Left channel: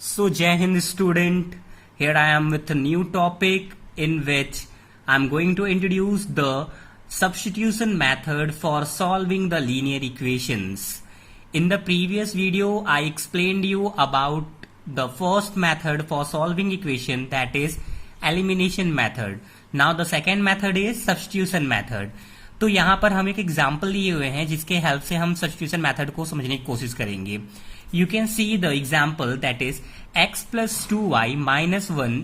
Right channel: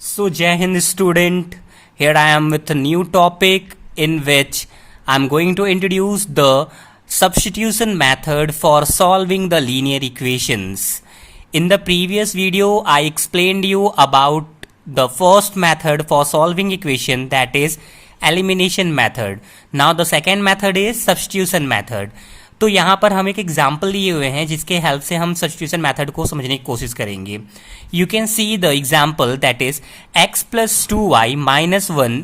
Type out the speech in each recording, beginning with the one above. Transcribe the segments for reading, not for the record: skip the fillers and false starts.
So, Jai Hind student, here I am with a new topic in which I am going to introduce the substitution method for solving the linear equations. In the previous video, I explained you about the first method for solving equation, that is elimination method. Now the second method is substitution method. तो यहाँ पर हम एक example लिए हुए हैं जिसके help से हम सब्स्टिट्यूशन मेथड को समझने की कोशिश करेंगे. You can see the example that is x plus two Y minus one,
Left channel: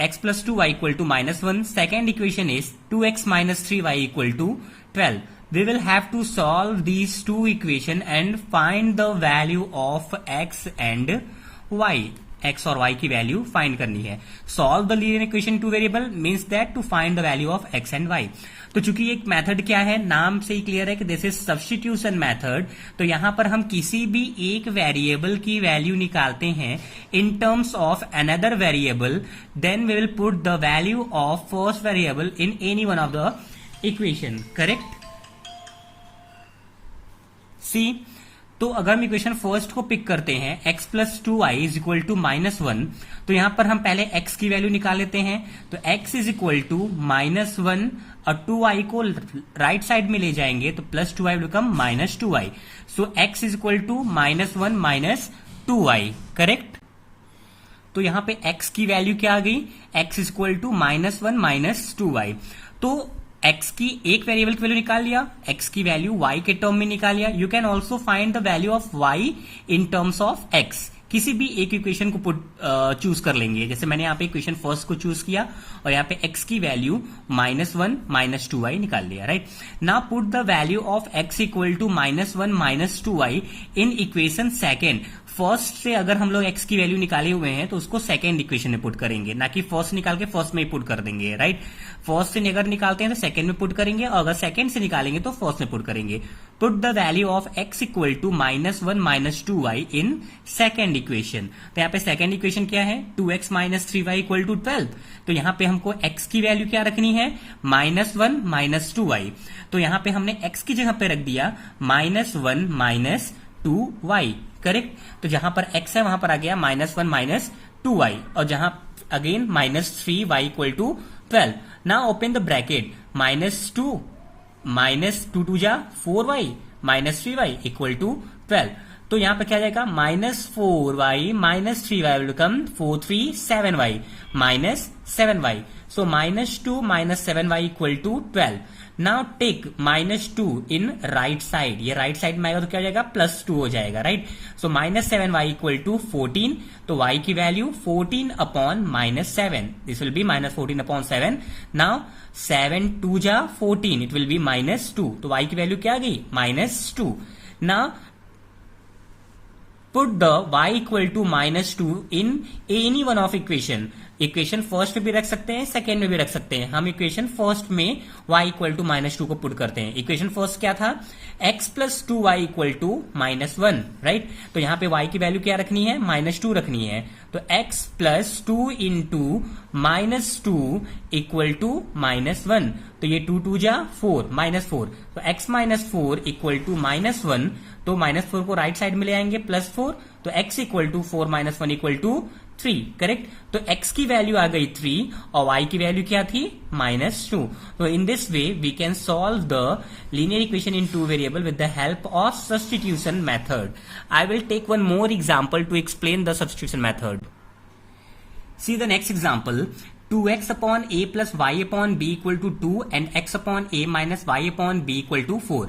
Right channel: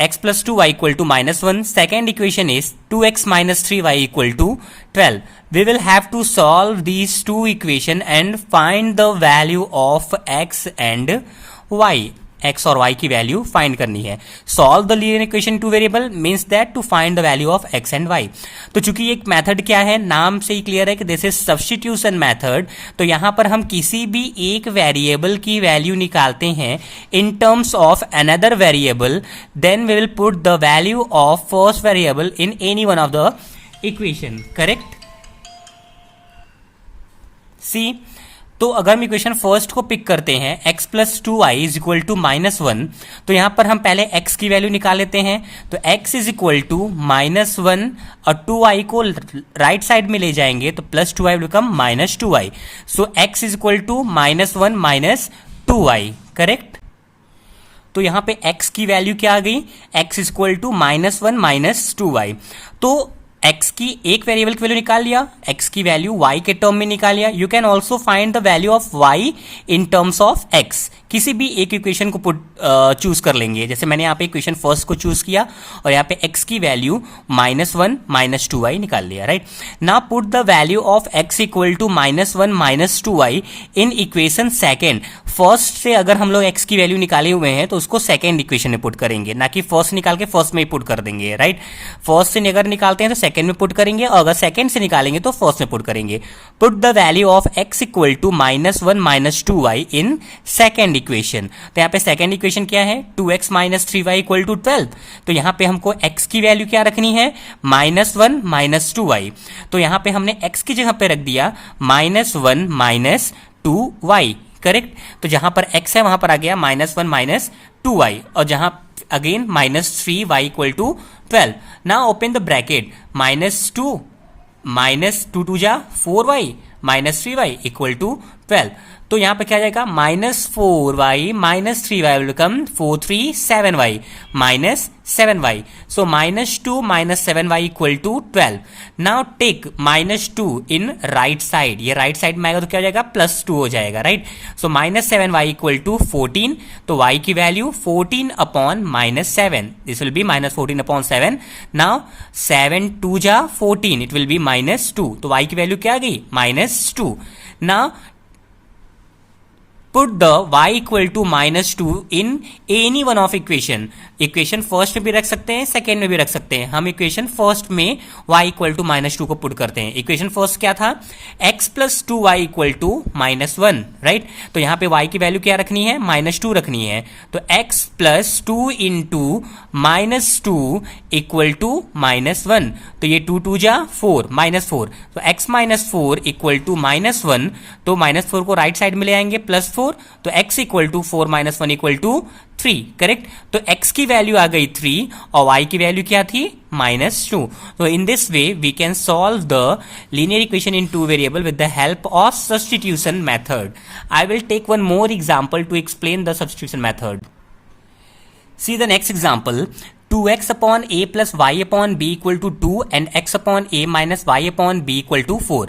x plus two Y equal to minus one. Second equation is 2x minus three Y equal to 12. We will have to solve these two equation and find the value of x and y. x और y की value find करनी है. Solve the linear equation two variable means that to find the value of x and y. तो चूंकि एक method क्या है, नाम से ही क्लियर है कि दिस इज सब्स्टिट्यूशन मेथड. तो यहां पर हम किसी भी एक वेरिएबल की वैल्यू निकालते हैं in terms of another variable, then we will put the value of first variable in any one of the equation. Correct. See, तो अगर हम इक्वेशन फर्स्ट को पिक करते हैं x plus two Y is equal to minus one, तो यहां पर हम पहले x की वैल्यू निकाल लेते हैं. तो x is equal to minus one और टू वाई को राइट साइड में ले जाएंगे तो plus two Y become minus two Y. So x is equal to minus one minus two Y. Correct. तो यहां पे x की वैल्यू क्या आ गई, x is equal to minus one minus two Y. तो x की एक वेरिएबल की वैल्यू निकाल लिया, x की वैल्यू y के टर्म में निकाल लिया. You can also find the value of y in terms of x. किसी भी एक इक्वेशन को चूज कर लेंगे. जैसे मैंने यहाँ पे इक्वेशन फर्स्ट को चूज किया और यहाँ पे x की value minus one minus two Y निकाल लिया. Right. Now put the value of x equal to minus one minus two Y in equation second. First से अगर हम लोग x की वैल्यू निकाले हुए हैं तो उसको सेकेंड इक्वेशन में पुट करेंगे, ना कि फर्स्ट निकाल के फर्स्ट में ही पुट कर देंगे. राइट. फर्स्ट से अगर निकालते हैं तो सेकेंड में पुट करेंगे और अगर सेकेंड से निकालेंगे तो फर्स्ट में पुट करेंगे. Put the value of x equal to minus one minus two Y in second equation. तो यहाँ पे सेकेंड इक्वेशन क्या है, 2x minus three Y equal to 12. तो यहाँ पे हमको x की वैल्यू क्या रखनी है, minus one minus two Y. तो यहाँ पे हमने x की जगह पे रख दिया minus one minus two Y. Correct. तो जहां पर x है वहां पर आ गया minus one minus two y और जहां again minus three Y equal to 12. Now open the bracket, minus two two जा four y minus three Y equal to 12. तो यहां पे क्या जाएगा, minus four y minus three y will become four three seven y minus seven y. So minus two minus seven Y equal to 12. Now take minus two in right side. ये right side में आएगा तो क्या हो जाएगा, plus two हो जाएगा. Right. So minus seven Y equal to 14. तो y की value 14 upon minus seven, this will be minus 14 upon seven. Now seven two जा 14, it will be minus two. तो y की वैल्यू क्या आ गई, minus two. Now put the y equal to minus 2 in any one of equation. Equation first में भी रख सकते हैं, सेकेंड में भी रख सकते हैं. हम इक्वेशन फर्स्ट में y equal to minus two को पुट करते हैं. इक्वेशन फर्स्ट क्या था, x plus two Y equal to minus one. Right. तो यहाँ पे y की वैल्यू क्या रखनी है, माइनस टू रखनी है. तो x plus two into minus two equal to minus one. तो ये टू टू जा फोर माइनस फोर. तो x minus four equal to minus one. तो माइनस फोर को राइट साइड में ले आएंगे प्लस फोर. तो x equal to four minus one equal to three. Correct. तो x की वैल्यू आ गई थ्री और y की वैल्यू क्या थी, माइनस टू. तो in this way we can solve the linear equation in two variable with the help of substitution method. I will take one more example to explain the substitution method. See the next example, 2x upon a plus y upon b equal to 2 and x upon a minus y upon b equal to 4.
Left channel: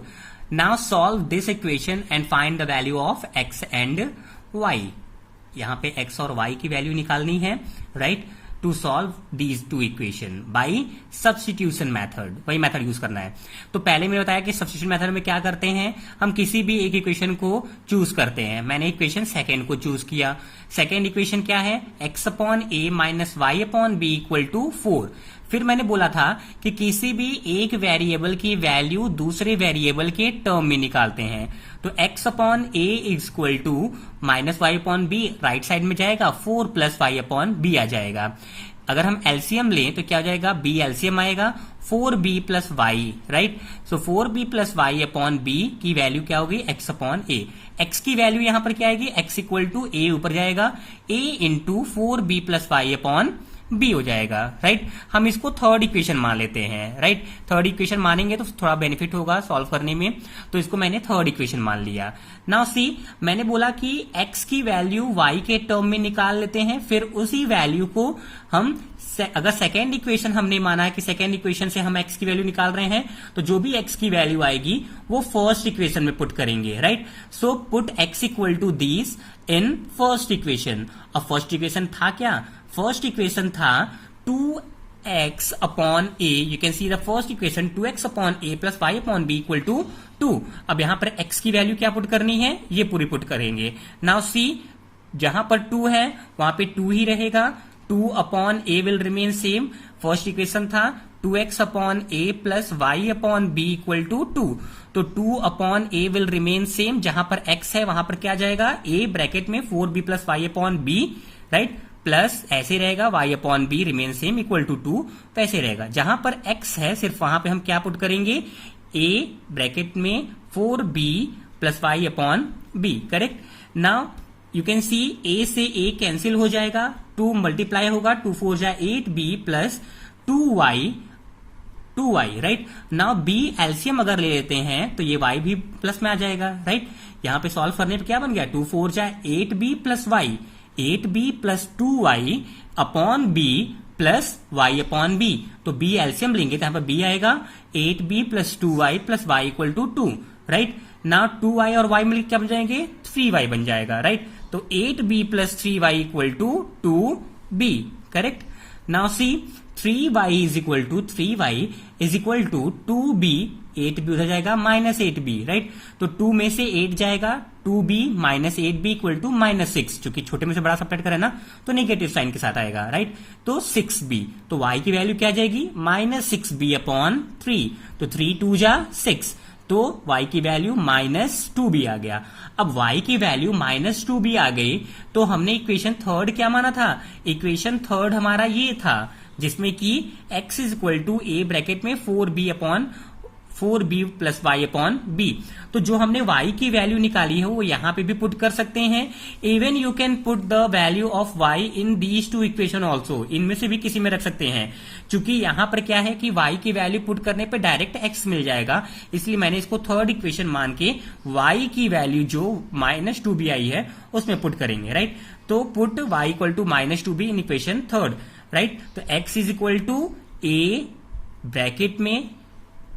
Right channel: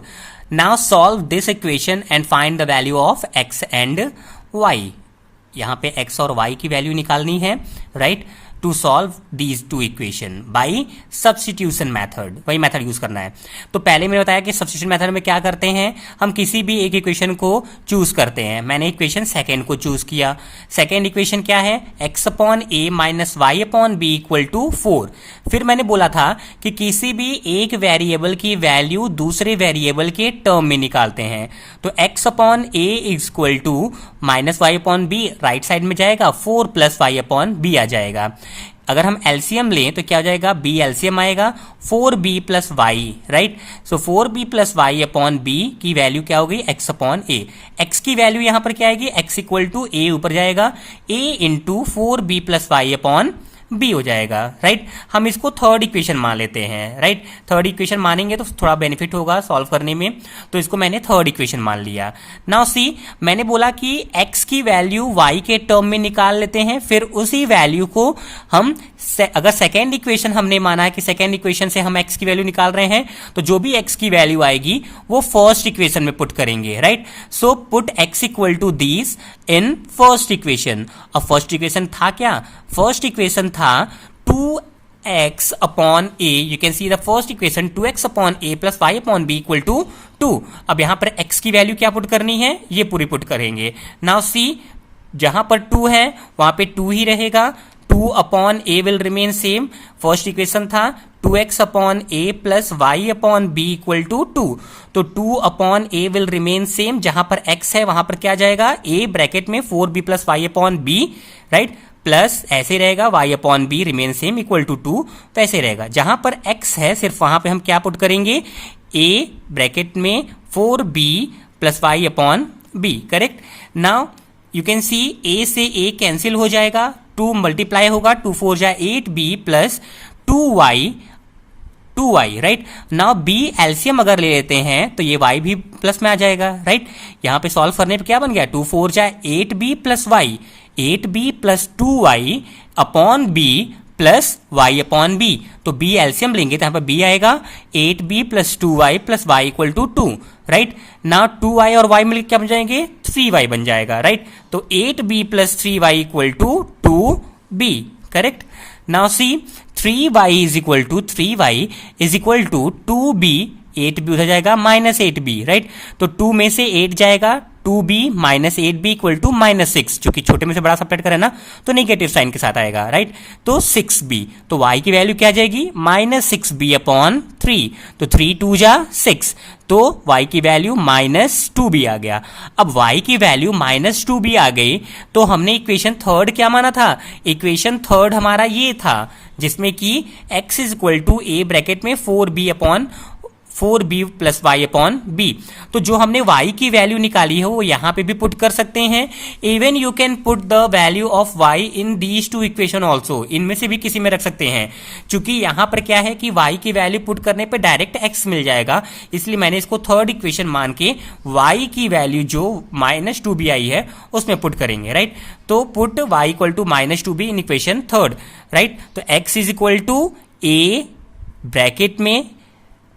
Now solve this equation and find the value of x and y. यहाँ पे x और y की value निकालनी है. Right. To solve these two equation by substitution method. वही method use करना है. तो पहले मैंने बताया कि सब्स्टिट्यूशन मैथड में क्या करते हैं, हम किसी भी एक इक्वेशन को चूज करते हैं. मैंने इक्वेशन सेकेंड को चूज किया. सेकेंड इक्वेशन क्या है, x upon a minus y upon b equal to 4. फिर मैंने बोला था कि किसी भी एक वेरिएबल की वैल्यू दूसरे वेरिएबल के टर्म में निकालते हैं. तो x upon a equal to minus y upon b right side में जाएगा, 4 प्लस वाई अपॉन बी आ जाएगा. अगर हम एलसीएम लें तो क्या हो जाएगा, बी एलसीएम आएगा 4b plus y, right. So 4b plus y upon b की वैल्यू क्या हो गई, x अपॉन ए। x की वैल्यू यहां पर क्या आएगी, x इक्वल टू ए ऊपर जाएगा, a into 4b plus y upon b हो जाएगा, राइट। हम इसको थर्ड इक्वेशन मान लेते हैं, राइट। थर्ड इक्वेशन मानेंगे तो थोड़ा बेनिफिट होगा सॉल्व करने में, तो इसको मैंने थर्ड इक्वेशन मान लिया। नाउ सी, मैंने बोला कि x की वैल्यू y के टर्म में निकाल लेते हैं, फिर उसी वैल्यू को हम अगर सेकेंड इक्वेशन हमने माना है कि सेकेंड इक्वेशन से हम x की वैल्यू निकाल रहे हैं, तो जो भी x की वैल्यू आएगी वो फर्स्ट इक्वेशन में पुट करेंगे, right. So put x equal to this in first equation. अब फर्स्ट इक्वेशन था क्या, फर्स्ट इक्वेशन था 2x upon a. You can see the first equation 2x upon a plus y upon b equal to 2। अब यहां पर x की value क्या put करनी है, ये पूरी पुट करेंगे। नाउ सी, जहां पर 2 है वहां पे 2 ही रहेगा, 2 upon a will remain same. First equation था 2x upon a plus y upon b equal to 2, तो 2 upon a will remain same. जहां पर x है वहां पर क्या जाएगा, a ब्रैकेट में 4b plus y upon b, right, plus ऐसे रहेगा y upon b remain same equal to 2, तो ऐसे रहेगा। जहां पर x है सिर्फ वहां पे हम क्या पुट करेंगे, a ब्रैकेट में 4b plus y upon b, correct. Now you can see a से a कैंसिल हो जाएगा, 2 मल्टीप्लाई होगा, 2 4 जा 8b plus 2y, right. Now b LCM अगर ले लेते हैं तो ये y भी प्लस में आ जाएगा, राइट। यहां पे सॉल्व करने पे क्या बन गया, 2 4 जा 8b plus y, 8b plus 2y upon b plus y upon b। तो b एलसीएम लेंगे तो यहां पर b आएगा 8b plus 2y plus y equal to 2, right. Now 2y और y मिलकर क्या बन जाएंगे, 3y बन जाएगा, राइट। तो 8b plus 3y equal to 2b, correct. Now see, 3y is equal to 3y is equal to 2b, 8b उधर जाएगा माइनस 8b, राइट। तो 2 में से 8 जाएगा, 2b minus 8b equal to minus 6, क्योंकि छोटे में से बड़ा सब्ट्रैक्ट करें ना तो नेगेटिव साइन के साथ आएगा, राइट। तो 6b, तो y की वैल्यू क्या आ जाएगी, माइनस 6b अपॉन 3, तो 3 2 जा 6, तो y की वैल्यू माइनस 2b आ गया। अब y की वैल्यू माइनस 2b आ गई, तो हमने इक्वेशन थर्ड क्या माना था, इक्वेशन थर्ड हमारा ये था जिसमें कि x is equal to a bracket में 4b upon 4b plus y upon b. तो जो हमने y की वैल्यू निकाली है वो यहां पे भी पुट कर सकते हैं। Even you can put the value of y in these two equation also, इनमें से भी किसी में रख सकते हैं। चूंकि यहां पर क्या है कि y की वैल्यू पुट करने पे डायरेक्ट x मिल जाएगा, इसलिए मैंने इसको थर्ड इक्वेशन मान के y की वैल्यू जो माइनस 2b आई है उसमें पुट करेंगे, राइट। तो put y equal to minus 2b in equation third, right. तो x is equal to a bracket में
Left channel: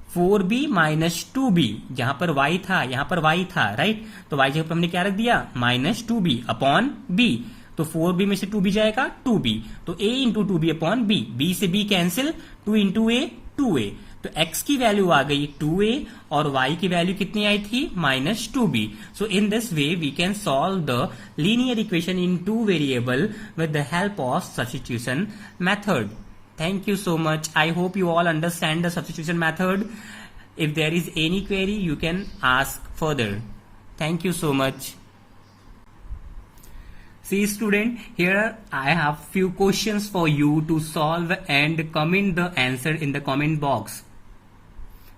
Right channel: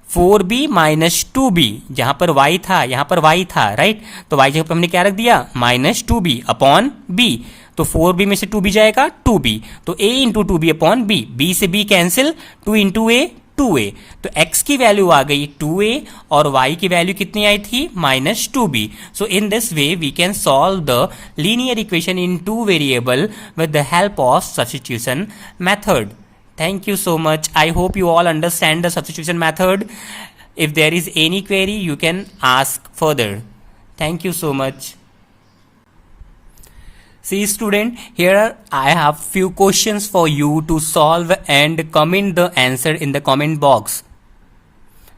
4b माइनस 2b, जहां पर y था यहां पर y था, राइट। तो y जगह पर हमने क्या रख दिया, माइनस 2b अपॉन b, तो 4b में से 2b जाएगा 2b, तो a into 2b upon b, b से b cancel, 2 into a 2a, तो x की वैल्यू आ गई 2a और y की वैल्यू कितनी आई थी, minus 2b। So in this way we can solve the linear equation in 2 variable with the help of substitution method. Thank you so much. I hope you all understand the substitution method. If there is any query, you can ask further. Thank you so much. See student, here I have few questions for you to solve and comment the answer in the comment box.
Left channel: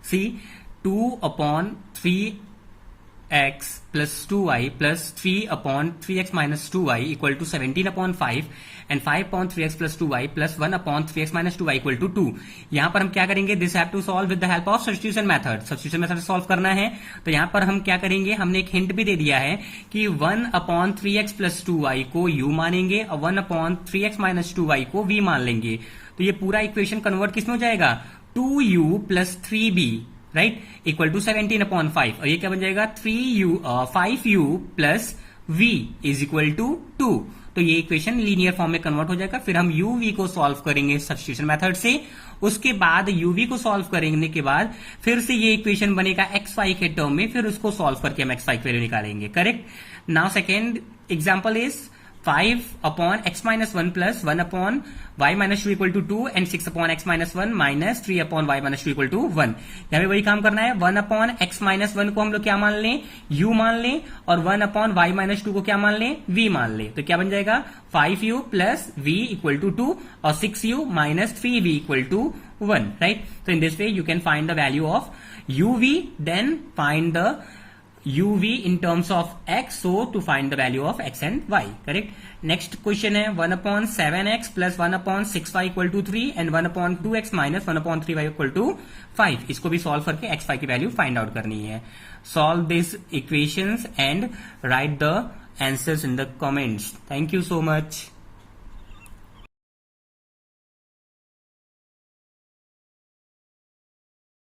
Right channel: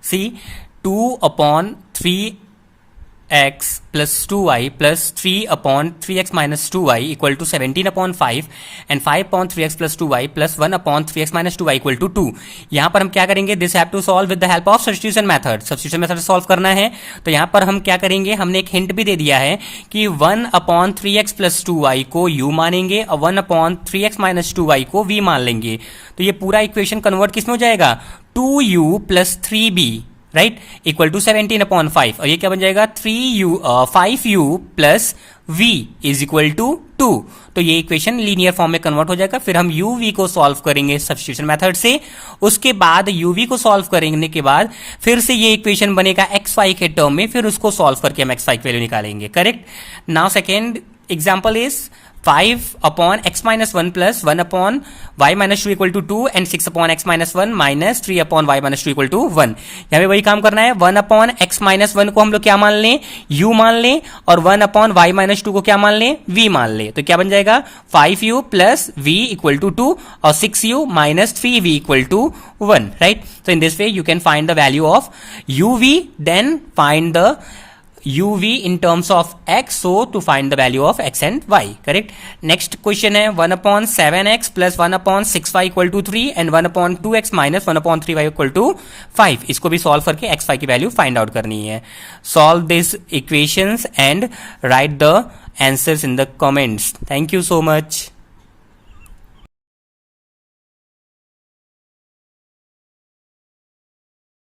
See, 2 upon 3x plus 2y plus 3 upon 3x minus 2y equal to 17 upon 5 and 5 upon 3x plus 2y plus 1 upon 3x minus 2y equal to 2। यहां पर हम क्या करेंगे, this have to solve with the help of substitution method. Substitution method solve करना है तो यहां पर हम क्या करेंगे, हमने एक हिंट भी दे दिया है कि 1 अपॉन 3x प्लस 2y को u मानेंगे और 1 अपॉन 3x माइनस 2y को v मान लेंगे। तो ये पूरा इक्वेशन कन्वर्ट किसमें हो जाएगा, 2u plus 3b, right, equal to 17 upon 5, और ये क्या बन जाएगा 5u plus v is equal to 2। तो ये इक्वेशन लीनियर फॉर्म में कन्वर्ट हो जाएगा। फिर हम uv को सॉल्व करेंगे सब्स्टिट्यूशन मेथड से, उसके बाद uv को सॉल्व करने के बाद फिर से ये इक्वेशन बनेगा xy के टर्म में, फिर उसको सॉल्व करके हम xy की वैल्यू निकालेंगे, correct. Now second example is 5 upon x minus 1 plus 1 upon y minus 2 equal to 2 and 6 upon x minus 1 minus 3 upon y minus 2 equal to 1। यहाँ पे वही काम करना है, 1 अपॉन x माइनस 1 को हम लोग क्या मान लें, u मान लें, और 1 अपॉन y माइनस 2 को क्या मान लें, v मान लें। तो क्या बन जाएगा 5u plus v equal to 2 और 6u minus 3v equal to 1, right. So in this way you can find the value of uv, then find the uv in terms of x, so to find the value of x and y, correct। next question है 1 upon 7x plus 1 upon 6y equal to 3 and 1 upon 2x minus 1 upon 3y equal to 5। इसको भी solve करके x y की value find out करनी है। Solve this equations and right the answers in the comments. Thank you so much.